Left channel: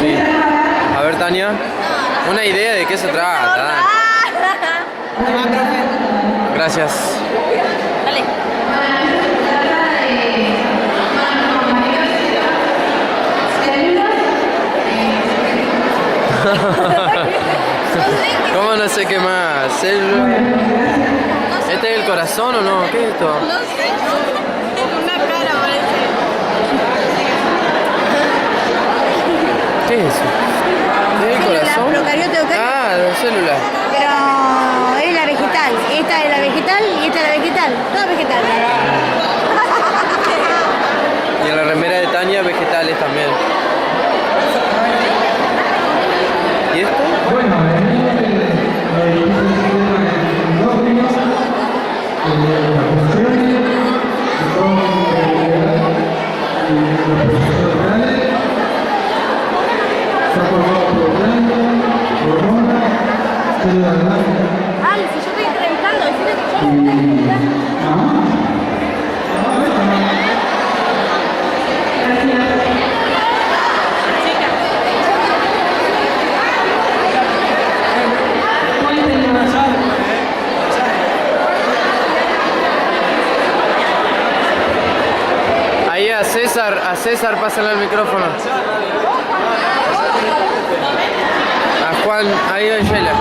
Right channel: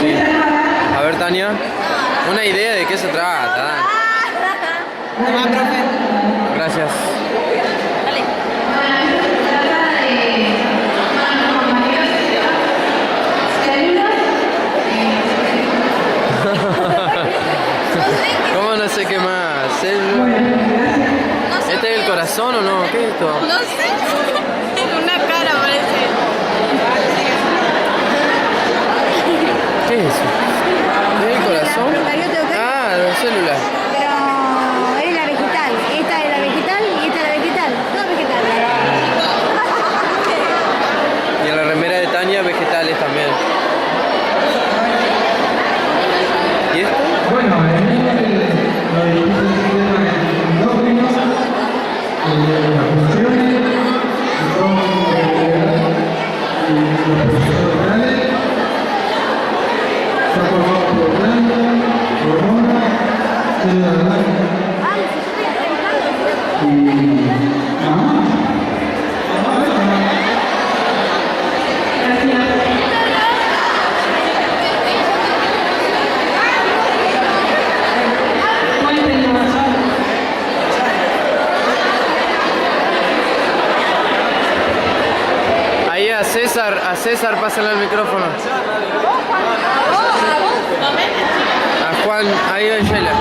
Sí. A ver, Tania, una idea de qué se trata. Toma, profe. Gracias. Dale. ¿Cómo no sé qué más? ¿Este es el corazón o no? ¿Qué es esto? No sé. Una cara parece. ¿Qué es eso? ¿Es el corazón? Procariote, ok. Ah, la célula. Pero es la vegetal. Esta es la vegetal y esta es la vegetal. Todo vegetal. Y en la remera de Tania, vegetales también. ¿Y esto? Ay, si yo estoy entrevistando. Ahí a César, pásale el micrófono. A Juan, ahí a Sheila.